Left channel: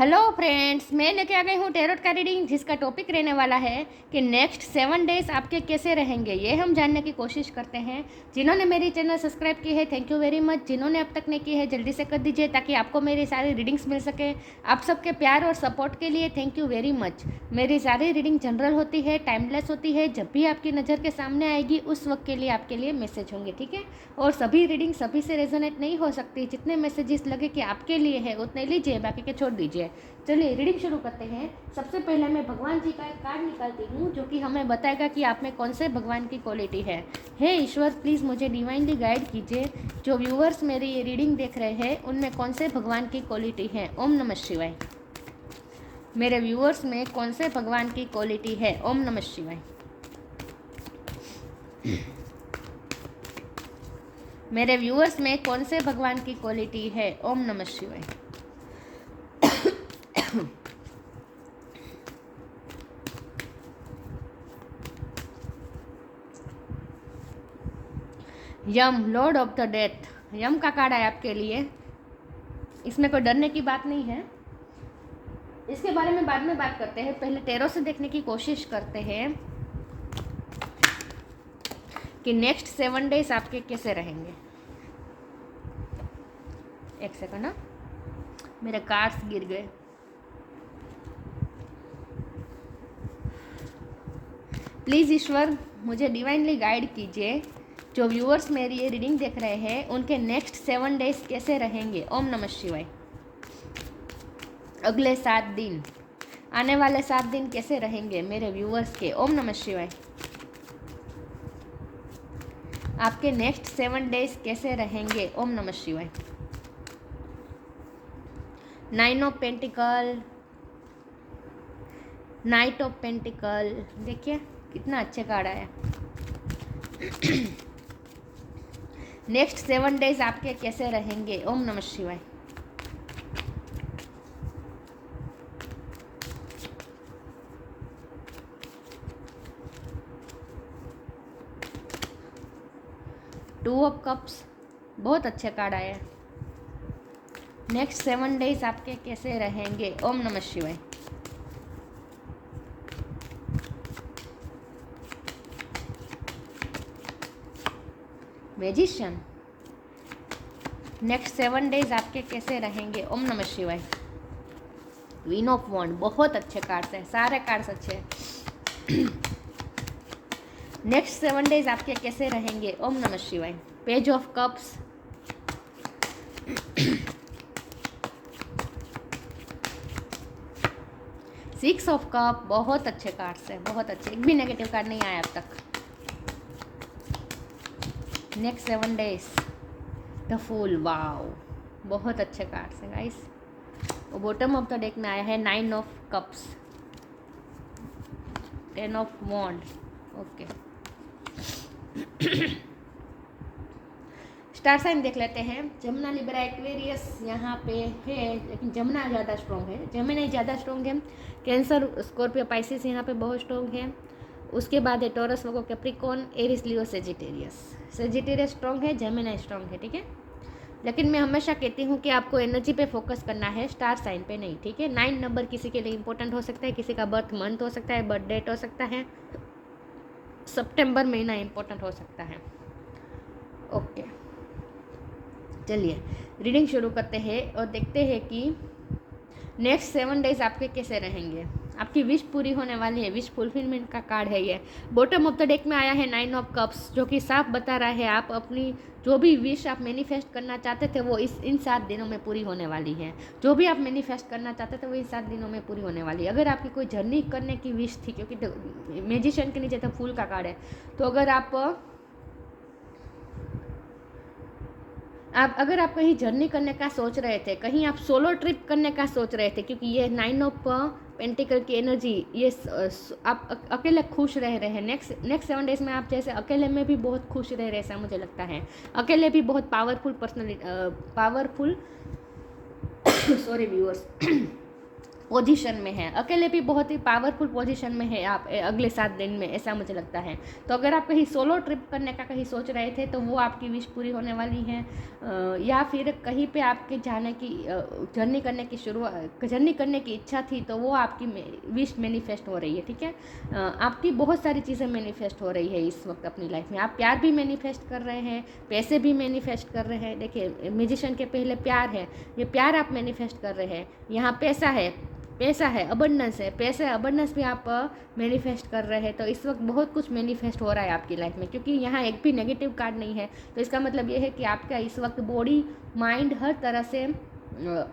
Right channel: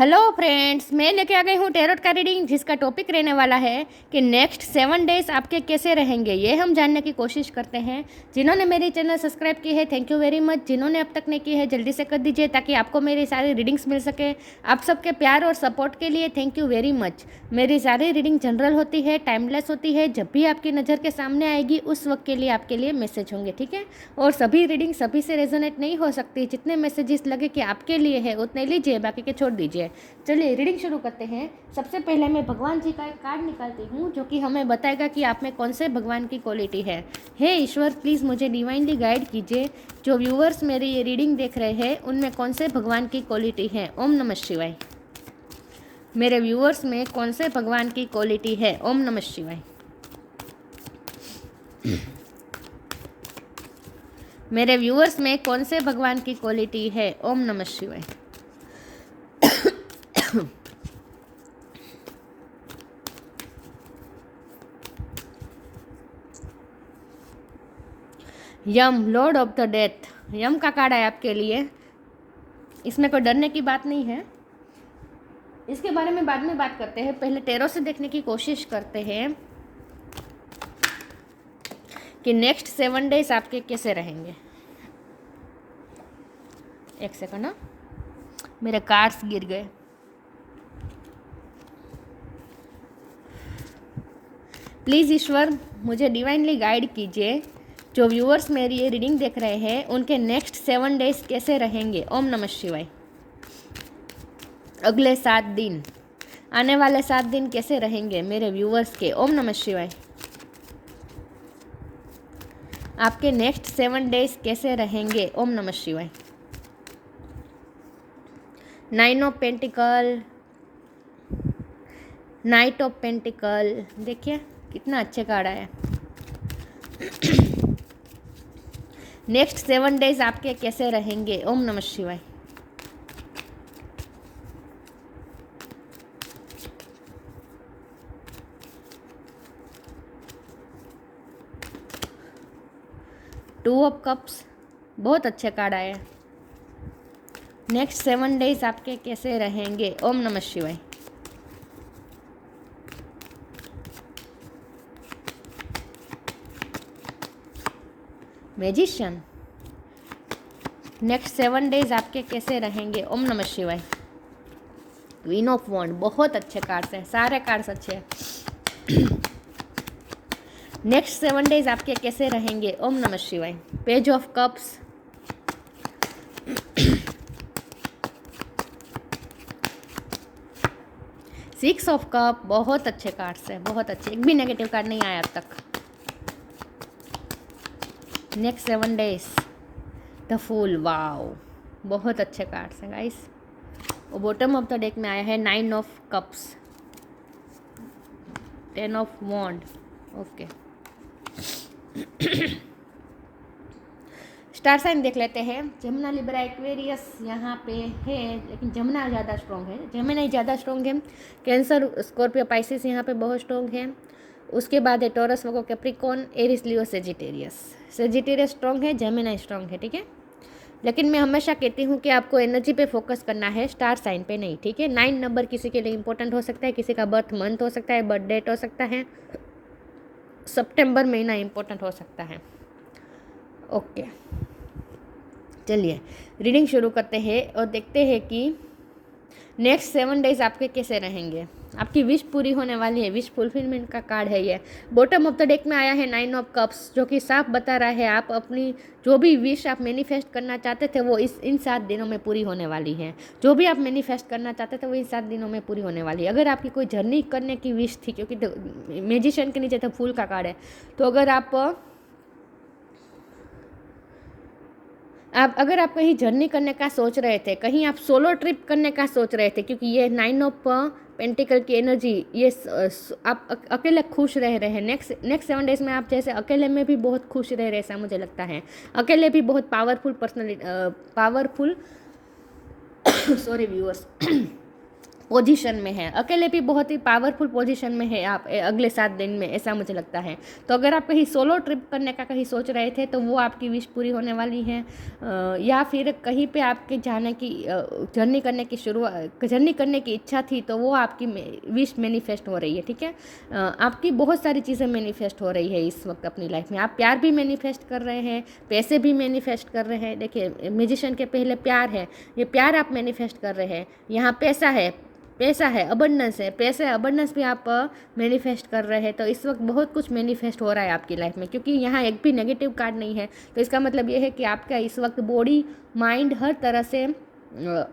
Hello friends, मैं लेके आ गई हूँ टैरोट का रीडिंग, जिसका टॉपिक रहने वाला है कि नेक्स्ट 7 डेज आपके कैसे रहेंगे। ये हम जानने की कोशिश करते हैं। जिन्होंने मेरी चैनल सब्सक्राइब की है, थैंक यू वेरी मच। जिन्होंने अब तक नहीं की है, जल्दी से कर दीजिए ताकि आपको मेरी सारी रीडिंग्स मिल सके। आप सबके प्यार और सपोर्ट के लिए थैंक यू वेरी मच। मेरी सारी रीडिंग जनरल होती है, टाइमलेस होती है। जब भी आपकी नज़र के सामने आएगी उस वक्त के लिए आपके लिए मैसेज होंगे, ठीक है। और सभी रीडिंग सभी से रेजोनेट नहीं हो सकती। जितने मैसेजेस लगे कि आपके लिए है उतने लीजिए, बाकी के छोड़ दीजिए। चलिए रीडिंग शुरू करते हैं। सबसे पहले मैं भगवान जी का एक कार्ड निकालती हूँ जो कि हमें बताएगा कि आप में कौन से भगवान की क्वालिटी है। हे ईश्वर, प्लीज़ मुझे डिवाइनली गाइड कीजिए। जो व्यूअर्स मेरी ये रीडिंग देख रहे हैं उनमें कौन से भगवान की क्वालिटी है। ओम नमः शिवाय। मेरे व्यूअर्स में कौन से भगवान की क्वालिटी है। ओम नमः शिवाय। मेरे व्यूअर्स में कौन से भगवान की क्वालिटी है। ओम नमः शिवाय। यम, लॉर्ड ऑफ द डेथ। यम का कार्ड है आपके लिए। इसमें कोई डरने की बात नहीं है, इसके बारे में बाद में बात करते हैं। पहले टैरो से देखने की कोशिश करते हैं कि नेक्स्ट 7 डेज आपके कैसे रहेंगे। एक सेकंड ना, मेरे कार्ड्स गिर गए। प्लीज़ ईश्वर मुझे डिवाइनली गाइड कीजिए। जो व्यूअर्स मेरी ये रीडिंग देख रहे हैं उनके नेक्स्ट 7 डेज कैसे रहेंगे। ओम नमः शिवाय। अगले 7 दिन, आने वाले 7 दिन कैसे रहेंगे मेरे व्यूअर्स के। ओम नमः शिवाय। आपके नेक्स्ट 7 डेज कैसे रहेंगे। ओम नमः शिवाय। 9 of pentacle, night of pentacle. देखिए कितना अच्छे कार्ड आया। नेक्स्ट 7 डेज आपके कैसे रहेंगे। ओम नमः शिवाय। टू ऑफ कप्स, बहुत अच्छे कार्ड आए। नेक्स्ट 7 डेज आपके कैसे रहेंगे। ओम नमः शिवाय। मैजिशियन, नेक्स्ट 7 डेज आपके कैसे रहेंगे। ओम नमः शिवाय। क्वीन ऑफ वॉन्ड, बहुत अच्छे कार्ड्स हैं, सारे कार्ड्स अच्छे हैं। नेक्स्ट 7 डेज आपके कैसे रहेंगे। ओम नमः शिवाय। Page of cups, six of cup, बहुत अच्छे कार्ड्स हैं, बहुत अच्छे। एक भी नेगेटिव कार्ड नहीं आया अब तक। Next 7 days, the fool, wow, बहुत अच्छे कार्ड्स हैं गाइस। और बॉटम ऑफ द डेक में आया है 9 of cups, 10 of wand. Okay, star sign देख लेते हैं। जमुना, लिब्रा, एक्वेरियस यहाँ पे है, लेकिन जमुना ज़्यादा स्ट्रॉन्ग है, जमुना ज़्यादा स्ट्रॉन्ग है। कैंसर, स्कॉर्पियो, पाइसिस यहाँ पे बहुत स्ट्रॉन्ग है। उसके बाद है टॉरस, वर्गो, कैप्रिकॉर्न, एरिस, लियो, सेजिटेरियस। सेजिटेरियस स्ट्रॉन्ग है, जमुना स्ट्रॉन्ग है, ठीक है। लेकिन मैं हमेशा कहती हूँ कि आपको एनर्जी पे फोकस करना है, स्टार साइन पे नहीं, ठीक है। 9 नंबर किसी के लिए इंपॉर्टेंट हो सकता है, किसी का बर्थ मंथ हो सकता है, बर्थ डेट हो सकता है, सितंबर महीना इंपॉर्टेंट हो सकता है। ओके, चलिए रीडिंग शुरू करते हैं और देखते हैं कि नेक्स्ट 7 डेज आपके कैसे रहेंगे। आपकी विश पूरी होने वाली है, विश फुलफिलमेंट का कार्ड है ये। बॉटम ऑफ द डेक में आया है 9 ऑफ कप्स, जो कि साफ बता रहा है आप अपनी जो भी विश आप मैनिफेस्ट करना चाहते थे वो इन 7 दिनों में पूरी होने वाली है। जो भी आप मैनिफेस्ट करना चाहते थे वो इन 7 दिनों में पूरी होने वाली है। अगर आपकी कोई जर्नी करने की विश थी, क्योंकि मैजिशियन के नीचे तो फूल का कार्ड है, तो अगर आप कहीं जर्नी करने का सोच रहे थे, कहीं आप सोलो ट्रिप करने का सोच रहे थे, क्योंकि ये 9 ऑफ पेंटिकल की एनर्जी, ये आप अकेले खुश रह रहे हैं। नेक्स्ट 7 डेज में आप जैसे अकेले में भी बहुत खुश रह रहे, ऐसा मुझे लगता है। अकेले भी बहुत पावरफुल सॉरी व्यूअर्स, पोजीशन में है, अकेले भी बहुत ही पावरफुल पोजीशन में है आप अगले 7 दिन में, ऐसा मुझे लगता है। तो अगर आप कहीं सोलो ट्रिप करने का कहीं सोच रहे थे तो वो आपकी विश पूरी होने वाली है, या फिर कहीं पे आपके जाने की जर्नी करने की इच्छा थी तो वो आपकी विश मैनिफेस्ट हो रही है, ठीक है। आपकी बहुत सारी चीज़ें मैनिफेस्ट हो रही है इस वक्त अपनी लाइफ में। आप प्यार भी मैनिफेस्ट कर रहे हैं, पैसे भी मैनिफेस्ट कर रहे हैं। देखिए म्यूजिशियन के पहले प्यार है, ये प्यार आप मैनिफेस्ट कर रहे हैं। यहाँ पैसा है, अबंडेंस है, पैसे अबंडेंस भी आप मैनिफेस्ट कर रहे हैं। तो इस वक्त बहुत कुछ मैनिफेस्ट हो रहा है आपकी लाइफ में, क्योंकि यहाँ एक भी नेगेटिव कार्ड नहीं है। तो इसका मतलब ये है कि आपका इस वक्त बॉडी माइंड हर तरह से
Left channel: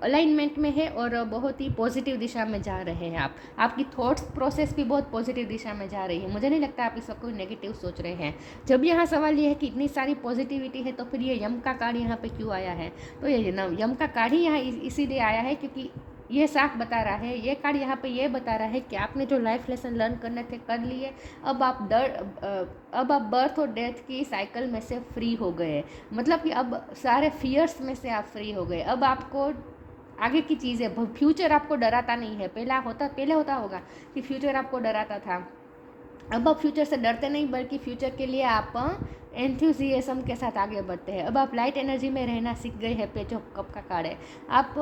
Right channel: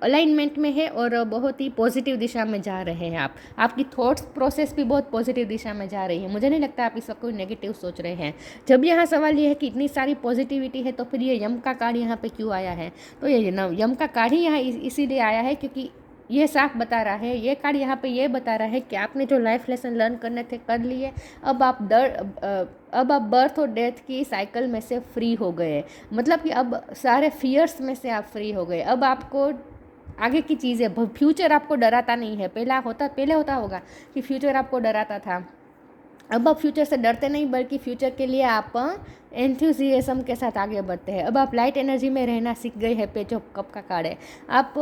अलाइनमेंट में है और बहुत ही पॉजिटिव दिशा में जा रहे हैं आप। आपकी थॉट्स प्रोसेस भी बहुत पॉजिटिव दिशा में जा रही है। मुझे नहीं लगता आप इस वक्त कोई नेगेटिव सोच रहे हैं। जब यहाँ सवाल ये है कि इतनी सारी पॉजिटिविटी है तो फिर ये यम का कार्ड यहाँ पे क्यों आया है? तो ये यम का कार्ड ही यहाँ इसीलिए आया है क्योंकि ये साफ बता रहा है, ये कार्ड यहाँ पे ये बता रहा है कि आपने जो लाइफ लेसन लर्न करने थे कर लिए। अब आप बर्थ और डेथ की साइकिल में से फ्री हो गए। मतलब कि अब सारे फियर्स में से आप फ्री हो गए। अब आपको आगे की चीज़ें, फ्यूचर आपको डराता नहीं है। पहले होता होगा कि फ्यूचर आपको डराता था। अब आप फ्यूचर से डरते नहीं, बल्कि फ्यूचर के लिए आप एंथुजियाज्म के साथ आगे बढ़ते हैं। अब आप लाइट एनर्जी में रहना सीख गए हैं। पेज ऑफ कप का कार्ड है, आप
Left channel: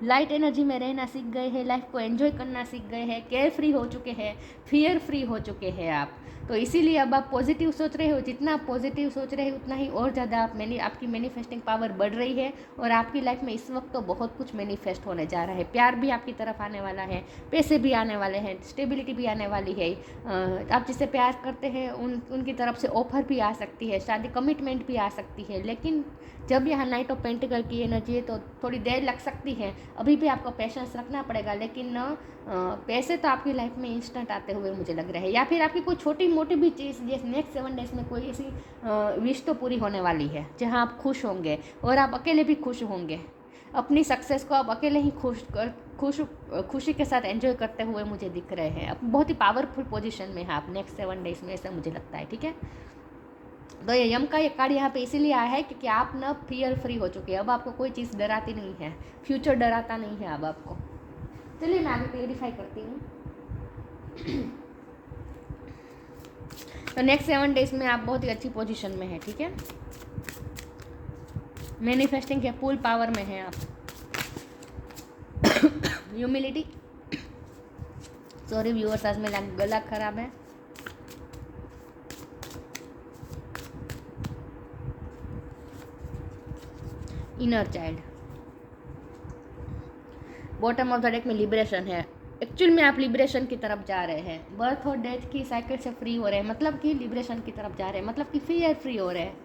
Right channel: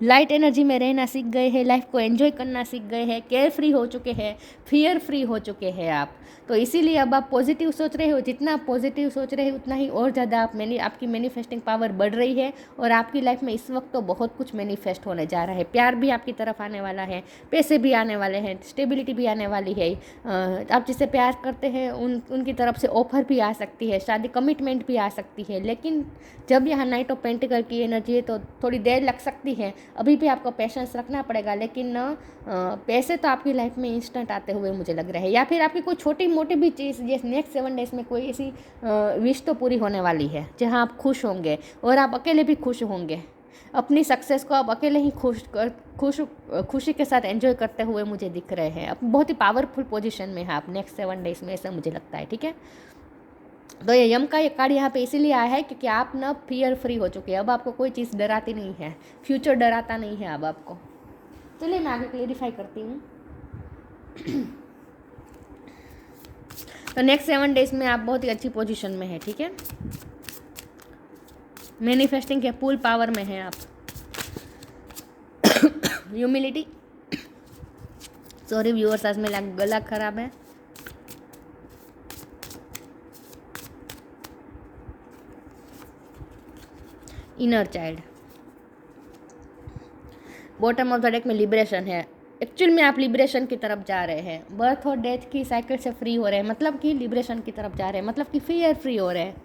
लाइट एनर्जी में रहना सीख गए हैं, लाइफ को एंजॉय करना सीख गए हैं, केयर फ्री हो चुके हैं, फियर फ्री हो चुके हैं आप। तो इसीलिए अब आप पॉजिटिव सोच रहे हो। जितना आप पॉजिटिव सोच रहे हो उतना ही और ज़्यादा आपकी मैनिफेस्टिंग पावर बढ़ रही है। और आपकी लाइफ में इस वक्त तो बहुत कुछ मैनिफेस्ट होने जा रहा है। प्यार भी आपकी तरफ आने वाला है, पैसे भी आने वाले हैं, स्टेबिलिटी भी आने वाली है। आप जिससे प्यार करते हैं उनकी तरफ से ऑफर भी आ सकती है, शादी कमिटमेंट भी आ सकती है। लेकिन जब यहाँ नाइट ऑफ पेंटिकल की एनर्जी है तो थोड़ी देर लग सकती है। अभी भी आपको पेशेंस रखना पड़ेगा। लेकिन पैसे तो आपकी लाइफ में इंस्टेंट आते हुए मुझे लग रहा है। या फिर आपकी कोई छोटी मोटी भी चीज़, जैसे नेक्स्ट 7 डेज में कोई ऐसी विश तो पूरी होने वाली है जहाँ आप खुश होंगे और आप अकेले भी खुश होंगे। अपनी सक्सेस को आप अकेले ही खुशी के साथ एंजॉय करते हुए मुझे दिख रहे हैं। अब बहुत ही पावरफुल पोजीशन में है आप नेक्स्ट 7 डेज में, ऐसा मुझे लगता है, ठीक है। तो ये यम का ये कार्ड यहाँ पे इसीलिए आया है क्योंकि आप ना फियर फ्री हो चुके हैं। अब आपको कोई चीज़ डराती नहीं है, फ्यूचर डराता नहीं है अब आपको। चलिए मैं आगे क्लेरिफाई करती हूँ। तो नेक्स्ट 7 डेज में आप बहुत ही अच्छी पोजीशन में है, ठीक है। मैनिफेस्टिंग के फुल पावर में है आप। ह्यूमिलिटी, सॉरी व्यूअर्स, आज मेरा गला खराब है। Inner child, bottom of the deck में लिबरेशन है। एक्चुअल में आप लिबरेशन की तरफ जा रहे हैं। बर्थ और डेथ की साइकिल से फ्री हो रहे हैं, मतलब कि लिबरेशन की तरफ जा रहे हैं, मतलब कि फियर फ्री हो रहे हैं।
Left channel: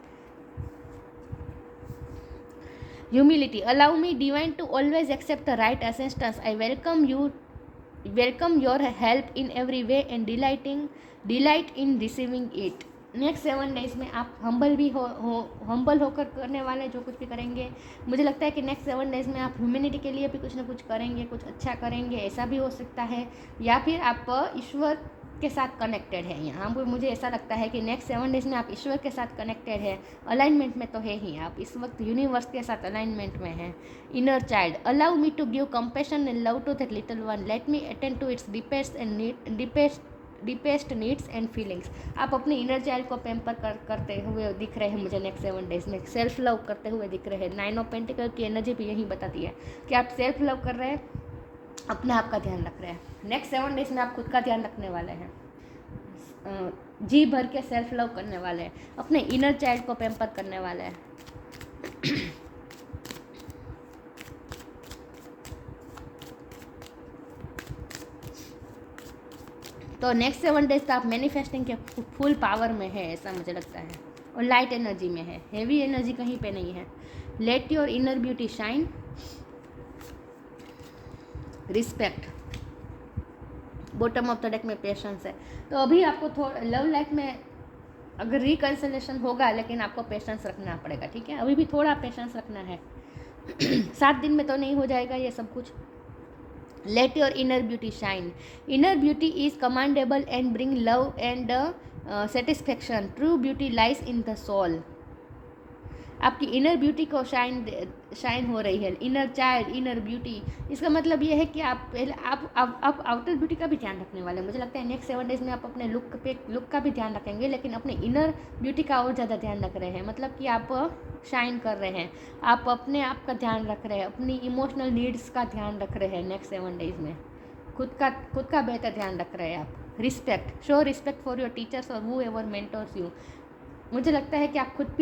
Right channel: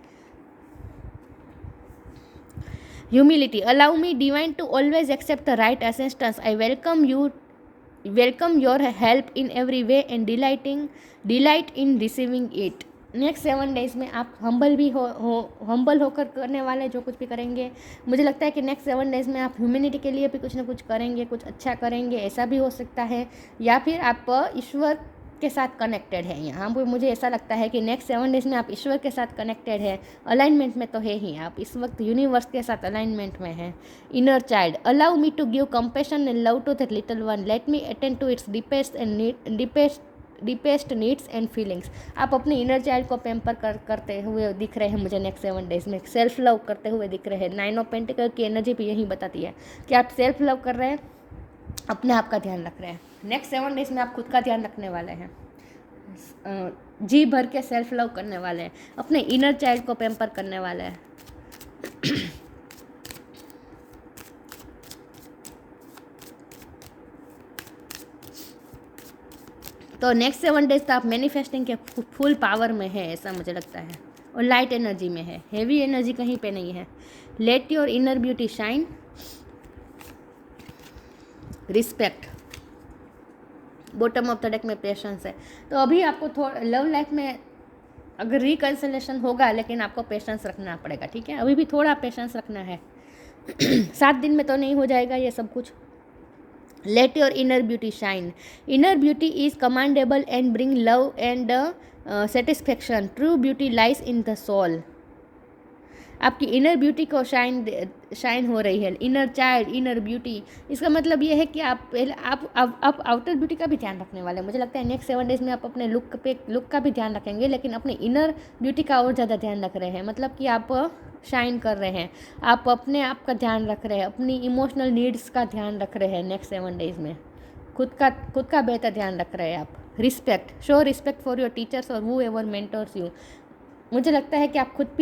Humility, allow me divine to always accept the right assistance. I welcome your help in every way and delight in receiving it. Next 7 days में आप हम्बल होकर करने वाले जो कुछ भी करेंगे। मुझे लगता है कि नेक्स्ट 7 डेज में आप ह्यूमैनिटी के लिए भी कुछ ना कुछ करेंगे, कुछ अच्छा करेंगे, ऐसा भी हो सकता है। या फिर आप ईश्वर के साथ कनेक्टेड है। यहाँ पर मुझे ऐसा लगता है कि नेक्स्ट 7 डेज में आप ईश्वर के साथ कनेक्टेड है, अलाइनमेंट में तो है ही। आप इस वक्त यूनिवर्स के साथ अलाइनमेंट में है। Inner child, allow me to give compassion and love to that little one, let me attend to its deepest needs and feelings. आप अपने इनर चाइल्ड को पैम्पर करते हुए दिख रहे हैं मुझे नेक्स्ट 7 डेज में। सेल्फ लव करते हुए दिख रहे हैं। 9 ऑफ पेंटिकल की एनर्जी भी यही बताती है कि आप सेल्फ लव कर रहे हैं, अपने आप का ध्यान रख रहे हैं। नेक्स्ट 7 डेज में आप खुद का ध्यान रखने वाले हैं, जी भर के सेल्फ लव करने वाले हैं, अपने इनर चाइल्ड को पैम्पर करने वाले हैं। तो नेक्स्ट 7 डेज तो आप मैनिफेस्टिंग के फुल पावर में है, ऐसा मुझे लगता है। और लाइट एनर्जी में है, हेवी एनर्जी कहीं पे नहीं है। Late your inner beauty shine, respect, bottom of the deck में पेशेंस है। तो अभी आपको थोड़ा लव लाइफ में अगर रिकंसिलेशन होगा, लेकिन आपको पेशेंस रखना पड़ेगा, ठीक है। अभी भी थोड़ा पेशेंस रखना है। 7 दिन में तो नहीं हो जाएगा ये सब कुछ। Let your inner beauty shine, inner beauty is commendable and bring love and satisfaction, true beauty lies in the soul. आपकी इनर ब्यूटी को शाइन हो रही है, इनर चाइल्ड, इनर ब्यूटी। इसका मतलब ये है कि आप पहले आप आउटर ब्यूटी का भी ध्यान रखने वाले हैं। मुझे लगता है नेक्स्ट 7 डेज़ में आप अपने लुक का भी ध्यान रखेंगे, लेकिन अपने इनर ब्यूटी का और ज़्यादा ध्यान रख रहे हैं। मतलब कि आप शाइन कर रहे हैं, आप अपने आप का ध्यान रख रहे हैं, अपनी इमोशनल नीड्स का ध्यान रख रहे हैं नेक्स्ट 7 डेज़ में। खुद का बेहतर ध्यान रख रहे हैं आप। Respect, show respect for your teachers और हू एवर मेंटर्स यू। मुझे लगता है कि आप खुद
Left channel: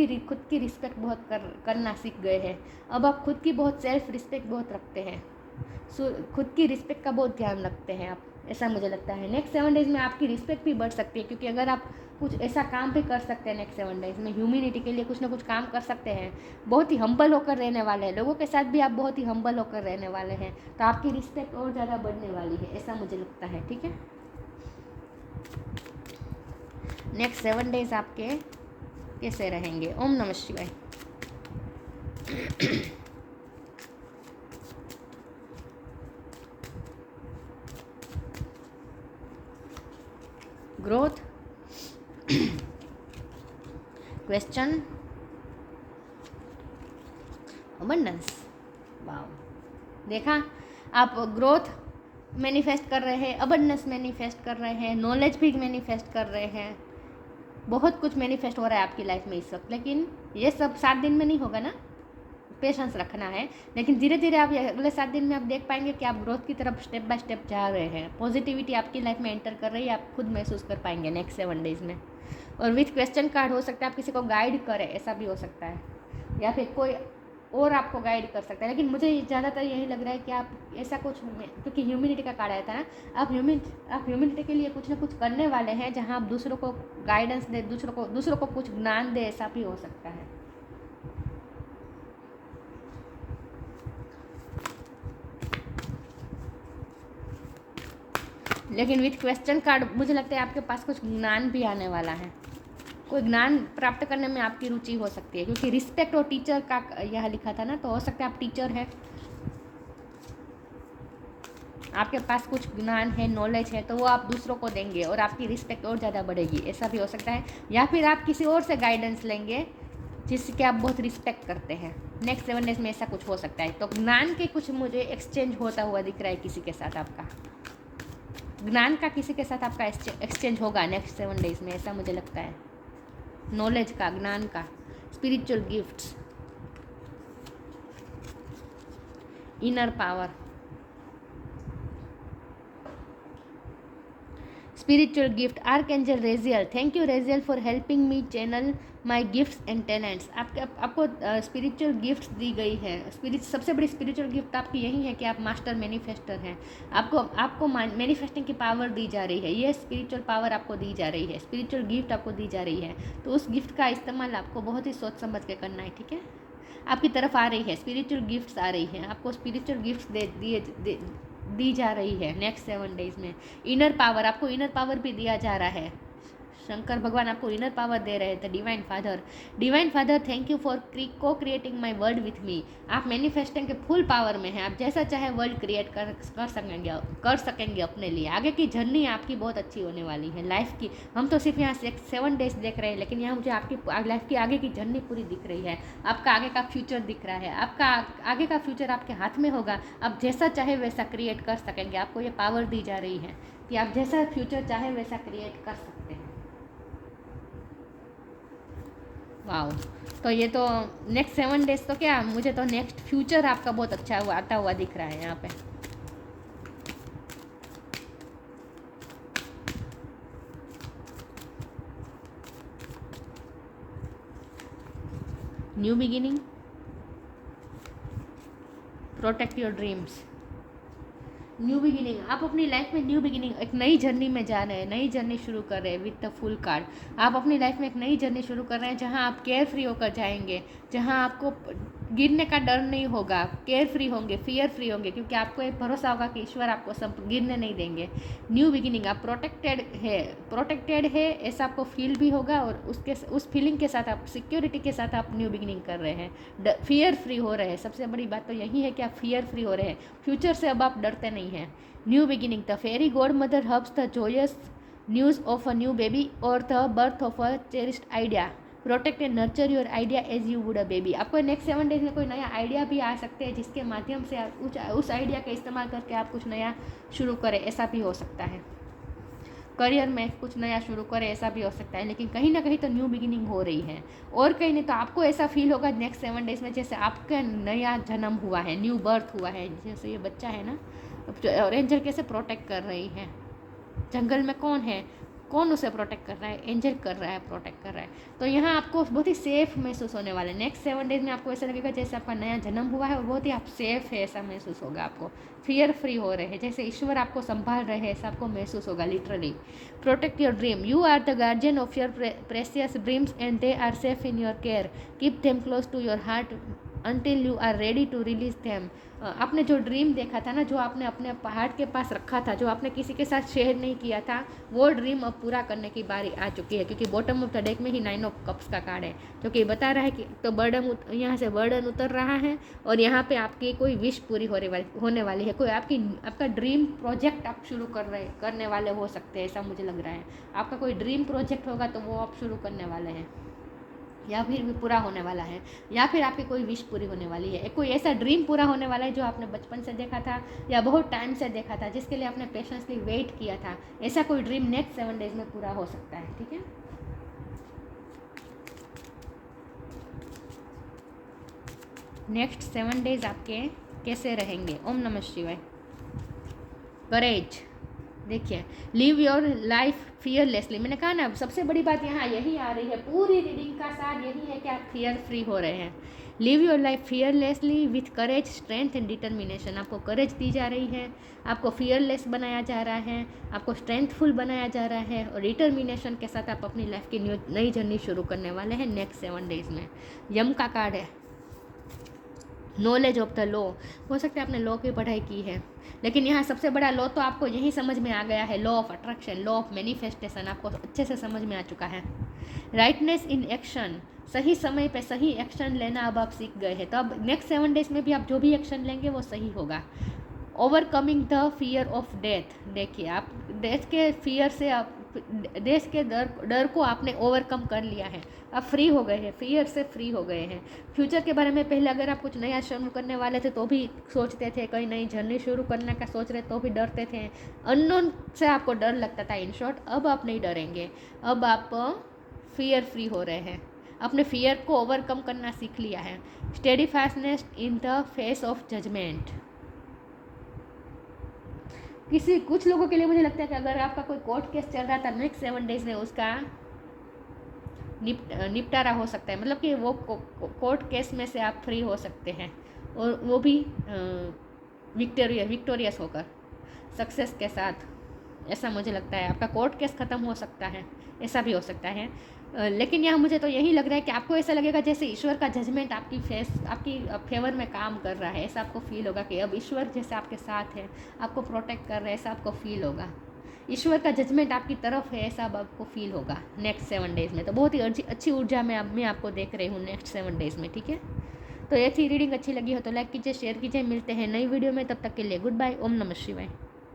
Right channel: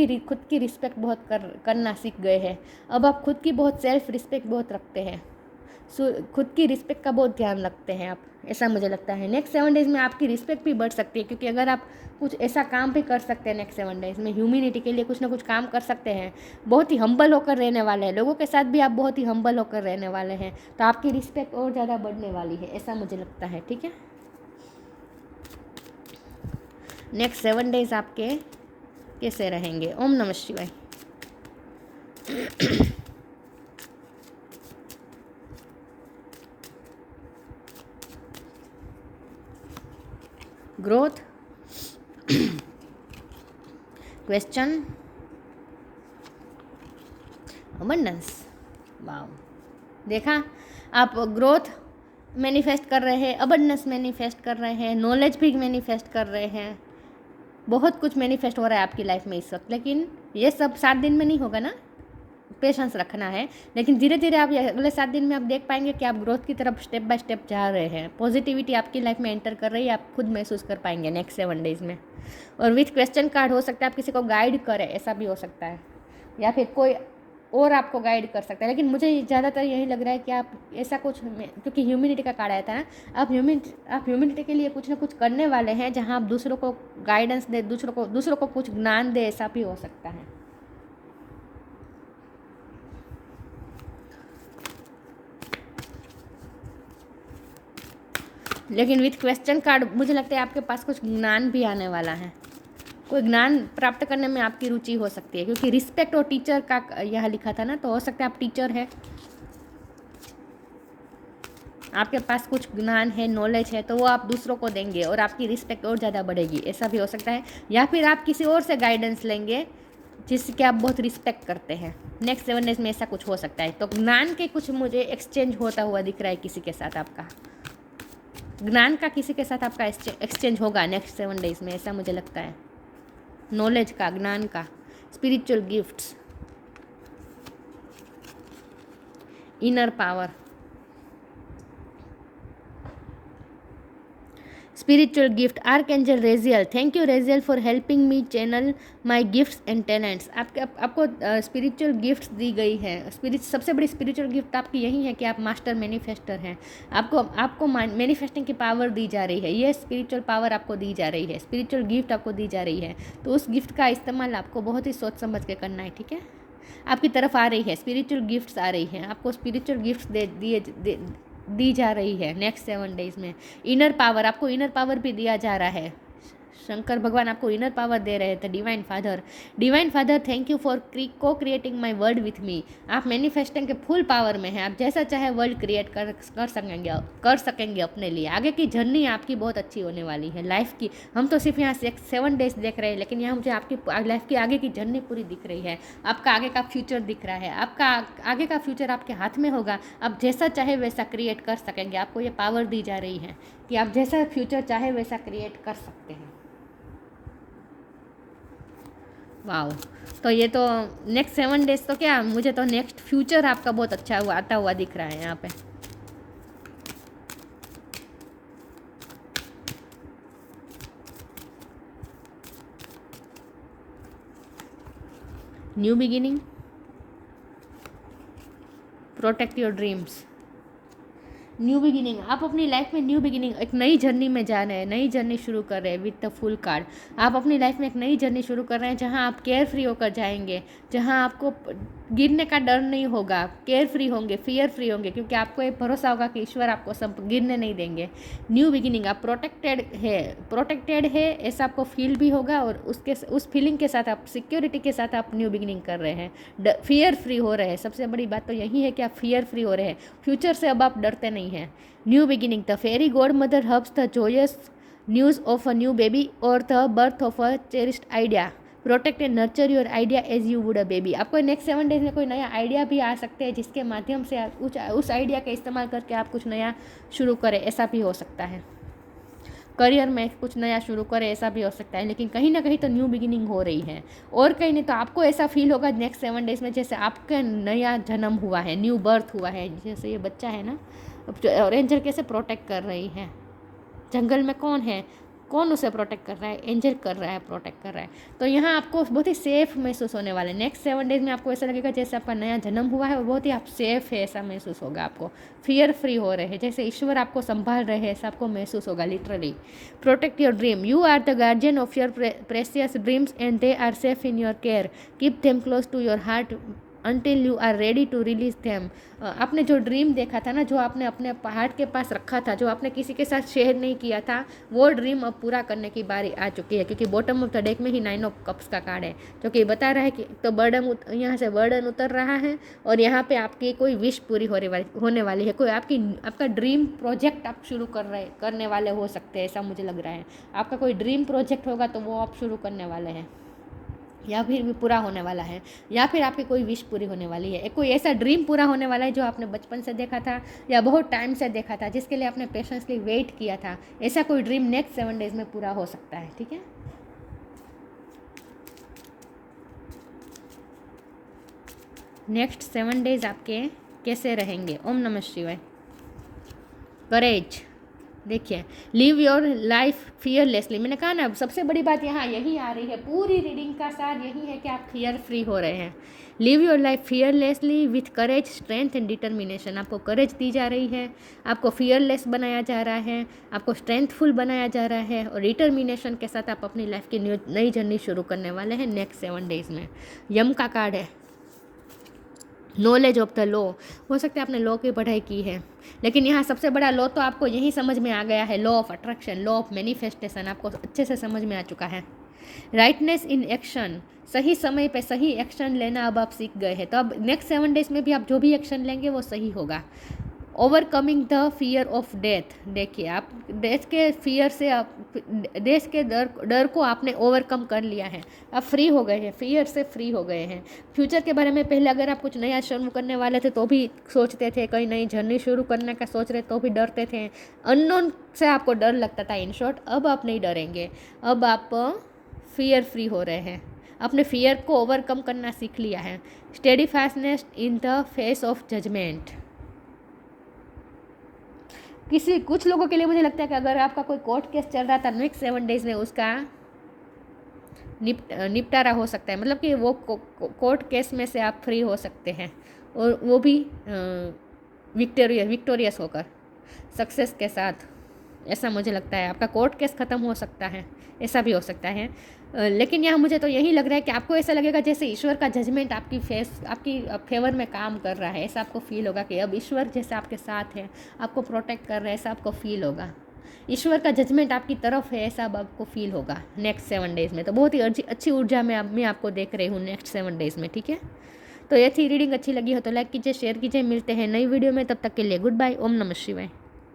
की रिस्पेक्ट बहुत करना सीख गए हैं। अब आप खुद की बहुत सेल्फ रिस्पेक्ट बहुत रखते हैं, खुद की रिस्पेक्ट का बहुत ध्यान रखते हैं आप, ऐसा मुझे लगता है। नेक्स्ट 7 डेज़ में आपकी रिस्पेक्ट भी बढ़ सकती है, क्योंकि अगर आप कुछ ऐसा काम भी कर सकते हैं नेक्स्ट 7 डेज़ में, ह्यूमैनिटी के लिए कुछ ना कुछ काम कर सकते हैं, बहुत ही हम्बल होकर रहने वाले हैं, लोगों के साथ भी आप बहुत ही हम्बल होकर रहने वाले हैं, तो आपकी रिस्पेक्ट और ज़्यादा बढ़ने वाली है, ऐसा मुझे लगता है। ठीक है, नेक्स्ट 7 डेज़ आपके कैसे रहेंगे? ओम नमः शिवाय। Growth, question, abundance. वाओ, देखा, आप ग्रोथ मैनिफेस्ट कर रहे हैं, अबंडेंस मैनिफेस्ट कर रहे हैं, नॉलेज भी मैनिफेस्ट कर रहे हैं, बहुत कुछ मैनिफेस्ट हो रहा है आपकी लाइफ में इस वक्त। लेकिन ये सब 7 दिन में नहीं होगा ना, पेशेंस रखना है। लेकिन धीरे धीरे आप अगले 7 दिन में आप देख पाएंगे कि आप ग्रोथ की तरफ स्टेप बाय स्टेप जा रहे हैं, पॉजिटिविटी आपकी लाइफ में एंटर कर रही है, आप खुद महसूस कर पाएंगे नेक्स्ट 7 डेज़ में। और विथ क्वेश्चन कार्ड हो सकता है आप किसी को गाइड करें, ऐसा भी हो सकता है, या फिर कोई और आपको गाइड कर सकता है। लेकिन मुझे ज़्यादातर यही लग रहा है कि आप ऐसा कुछ, क्योंकि ह्यूमैनिटी का कार्ड आया था ना, आप ह्यूमैनिटी के लिए कुछ ना कुछ करने वाले हैं, जहाँ आप दूसरों को गाइडेंस दे, दूसरों को कुछ ज्ञान दे, ऐसा भी हो सकता है। लेकिन विथ क्वेश्चन कार्ड मुझे लगता है आपके पास कुछ ज्ञान भी आने वाला है, कोई ज्ञान प्राप्त करने में आपकी रुचि हो सकती है, क्योंकि रिस्पेक्ट और टीचर का यह लिखा था ना, तो हो सकता है आप टीचर है, आपके पास कुछ ज्ञान है, नॉलेज है, तो वो आप दूसरों को देंगे और आपकी रिस्पेक्ट और ज़्यादा बढ़ेगी, ऐसा भी हो सकता है। या फिर आप किसी और से गाइडेंस लेंगे जिसके आप बहुत रिस्पेक्ट करते हैं। नेक्स्ट 7 डेज में ऐसा कुछ हो सकता है। तो ज्ञान के कुछ मुझे एक्सचेंज होता हुआ दिख रहा है, किसी के साथ आपका ज्ञान का किसी के साथ आपका एक्सचेंज होगा नेक्स्ट 7 डेज में, ऐसा मुझे लगता है। नॉलेज का, ज्ञान का, spiritual gifts, inner power, spiritual gift, archangel Raziel. Thank you Raziel for helping me channel my gifts and talents. आपको स्पिरिचुअल गिफ्ट्स दी गई है। सबसे बड़ी स्पिरिचुअल गिफ्ट आपकी यही है कि आप मास्टर मैनिफेस्टर हैं। आपको मैनिफेस्टिंग की पावर दी जा रही है, ये स्पिरिचुअल पावर आपको दी जा रही है, स्पिरिचुअल गिफ्ट आपको दी जा रही है। तो उस गिफ्ट का इस्तेमाल आपको बहुत ही सोच समझ के करना है। ठीक है, आपकी तरफ आ रही है, स्पिरिचुअल गिफ्ट्स आ रही हैं, आपको स्पिरिचुअल गिफ्ट्स दी जा रही है नेक्स्ट 7 डेज में। इनर पावर, आपको इनर पावर भी दिया जा रहा है। शंकर भगवान आपको इनर पावर दे रहे थे। Divine father thank you for co creating my world with me. आप मैनिफेस्टिंग के फुल पावर में हैं, आप जैसा चाहे वर्ल्ड क्रिएट कर सकेंगे अपने लिए। आगे की जर्नी आपकी बहुत अच्छी होने वाली है लाइफ की। हम तो सिर्फ यहाँ से 7 डेज देख रहे हैं, लेकिन यहाँ मुझे आपकी लाइफ की आगे की जर्नी पूरी दिख रही है। आपका आगे का फ्यूचर दिख रहा है, आपका आगे का फ्यूचर आपके हाथ में होगा। आप जैसा चाहे वैसा क्रिएट कर सकेंगे, आपको ये पावर दी जा रही है कि आप जैसा फ्यूचर चाहे वैसा क्रिएट कर सकते हैं। वाओ, तो ये तो नेक्स्ट 7 डेज तो क्या, मुझे तो नेक्स्ट फ्यूचर आपका बहुत अच्छा आता हुआ दिख रहा है यहाँ पे। New beginning, protect your dreams. New beginning, आप अपनी लाइफ में न्यू बिगिनिंग, एक नई जर्नी में जा रहे हैं, नई जर्नी शुरू कर रहे हैं विद द फुल कार्ड। आप अपनी लाइफ में एक नई जर्नी शुरू कर रहे हैं, जहां आप केयर फ्री होकर जाएंगे, जहां आपको गिरने का डर नहीं होगा, केयर फ्री होंगे, फियर फ्री होंगे, क्योंकि आपको एक भरोसा होगा कि ईश्वर आपको सब गिरने नहीं देंगे। न्यू बिगिनिंग, आप प्रोटेक्टेड है ऐसा आपको फील भी होगा, और उस फीलिंग के साथ आप सिक्योरिटी के साथ आप न्यू बिगिनिंग कर रहे हैं, फियर फ्री हो रहे हैं। सबसे बड़ी बात तो यही है कि आप फियर फ्री हो रहे हैं, फ्यूचर से अब आप डरते नहीं हैं। New beginning, the fairy godmother hubs the joyous news of a new baby और the birth of a cherished idea. Protect and nurture your idea as you would a baby. आपको next 7 days में कोई नया idea भी आ सकते हैं जिसके माध्यम से आप उस आइडिया का इस्तेमाल करके आप कुछ नया शुरू करें, ऐसा भी हो सकता है। करियर में कुछ नया शुरू करें, ऐसा भी हो सकता है। लेकिन कहीं ना कहीं तो न्यू बिगिनिंग हो रही है, और कहीं नहीं तो आपको ऐसा फील होगा नेक्स्ट 7 डेज में जैसे आपका नया जन्म हुआ है, न्यू बर्थ हुआ है। जैसे ये बच्चा है ना, रेंजर कैसे प्रोटेक्ट कर रही है, जंगल में कौन है, कौन उसे प्रोटेक्ट कर रहा है, एंजल कर रहा है, प्रोटेक्ट कर रहा है। तो यहाँ आपको बहुत ही सेफ महसूस होने वाला है। नेक्स्ट 7 डेज में आपको ऐसा लगेगा जैसे आपका नया जन्म हुआ है और बहुत ही आप सेफ है, ऐसा महसूस होगा आपको। फियर फ्री हो रहे हैं, जैसे ईश्वर आपको संभाल रहे हैं, ऐसा आपको महसूस होगा। Literally protect your dream, you are the guardian of your precious dreams and they are safe in your care, keep them close to your heart until you are ready to release them। आपने जो dream देखा था ना, जो आपने अपने heart के पास रखा था, जो आपने किसी के साथ शेयर नहीं किया था, वो ड्रीम अब पूरा करने की बारी आ चुकी है। क्योंकि बॉटम ऑफ द डेक में ही 9 ऑफ कप्स का कार्ड है, जो कि बता रहा है कि तो बर्डन, यहाँ से बर्डन उतर रहा है और यहाँ पे आपकी कोई विश पूरी होने वाली है। कोई आपका ड्रीम प्रोजेक्ट आप शुरू करने वाले हो सकते हैं, ऐसा मुझे लग रहा है। आपका कोई ड्रीम प्रोजेक्ट होगा तो वो आप शुरू करने वाले हैं, या फिर भी पूरा होने वाला है, या फिर आपकी कोई विश पूरी होने वाली है। कोई ऐसा ड्रीम पूरा होने वाला है जो आपने बचपन से देखा था या बहुत टाइम से देखा था, जिसके लिए आपने पेशेंसली वेट किया था। ऐसा कोई ड्रीम नेक्स्ट 7 डेज में पूरा हो सकता है। ठीक है, नेक्स्ट 7 डेज आपके कैसे रहेंगे। ओम नमः शिवाय। करेज, देखिए, लिव योर लाइफ फियरलेसली। मैंने कहा ना, सबसे बड़ी बात यहाँ यही आ रही है, पूरी रीडिंग का सार यही है कि आप फियर फ्री हो रहे हैं। Live your life fearlessly with courage, strength and determination. आपको करेज दी जा रही है, आपको फियरलेस बनाया जा रहा है, आपको स्ट्रेंथफुल बनाया जा रहा है, और डिटर्मिनेशन के साथ आप अपनी लाइफ की नई जर्नी शुरू करने वाले हैं नेक्स्ट 7 डेज में। यम का कार्ड है, नॉलेज ऑफ द लॉ। हो सकता है आपने लॉ की पढ़ाई की है, लेकिन यहाँ सबसे बड़ा लॉ तो आपको यही समझ में आ गया है, law of attraction, law of manifestation आपको अच्छे से समझ में आ चुका है। राइटनेस इन एक्शन, सही समय पे सही एक्शन लेना अब आप सीख गए हैं। तो अब नेक्स्ट 7 डेज में भी आप जो भी एक्शन लेंगे वो सही होगा। Overcoming the fear of death, देखिए आप डेथ के फियर से, देश के डर को आपने ओवरकम कर लिया है, आप फ्री हो गए हैं, फियर से फ्री हो गए हैं। फ्यूचर के बारे में पहले अगर आप कुछ नया शुरू करने वाले थे तो भी सोचते थे, कोई नई जर्नी शुरू करने का सोच रहे तो भी डरते थे, अननोन से आपको डर लगता था। इन शॉर्ट, अब आप नहीं डरेंगे, अब आप फियर फ्री हो रहे हैं, अपने फियर को ओवरकम करना सीख लिया है। Steadfastness in the face of judgement. कुछ लोगों के लिए मुझे लगता है कि अगर आपका कोई कोर्ट केस चल रहा था नेक्स्ट 7 डेज में उसका निपटारा हो सकता है। मतलब कि वो कोर्ट केस में से आप फ्री हो सकते हैं, और वो भी विक्टोरियस होकर, सक्सेस के साथ। ऐसा मुझे लगता है आपका कोर्ट केस ख़त्म हो सकता है, ऐसा भी हो सकता है। लेकिन यहाँ मुझे तो यही लग रहा है कि आपको ऐसा लगेगा जैसे ईश्वर का जजमेंट आपकी फेवर में काम कर रहा है। ऐसा आपको फील होगा कि अब ईश्वर जैसे आपके साथ है, आपको प्रोटेक्ट कर रहा है, ऐसा आपको फील होगा। ईश्वर का जजमेंट आपकी तरफ है, ऐसा अब आपको फील होगा नेक्स्ट 7 डेज में। तो बहुत ही अच्छी ऊर्जा में मैं आपको देख रही हूँ नेक्स्ट 7 डेज में। ठीक है, तो ये थी रीडिंग। अच्छी लगी हो तो लाइक कीजिए, शेयर कीजिए। मिलते हैं नई वीडियो में, तब तक के लिए गुड बाय। ओम नमः शिवाय।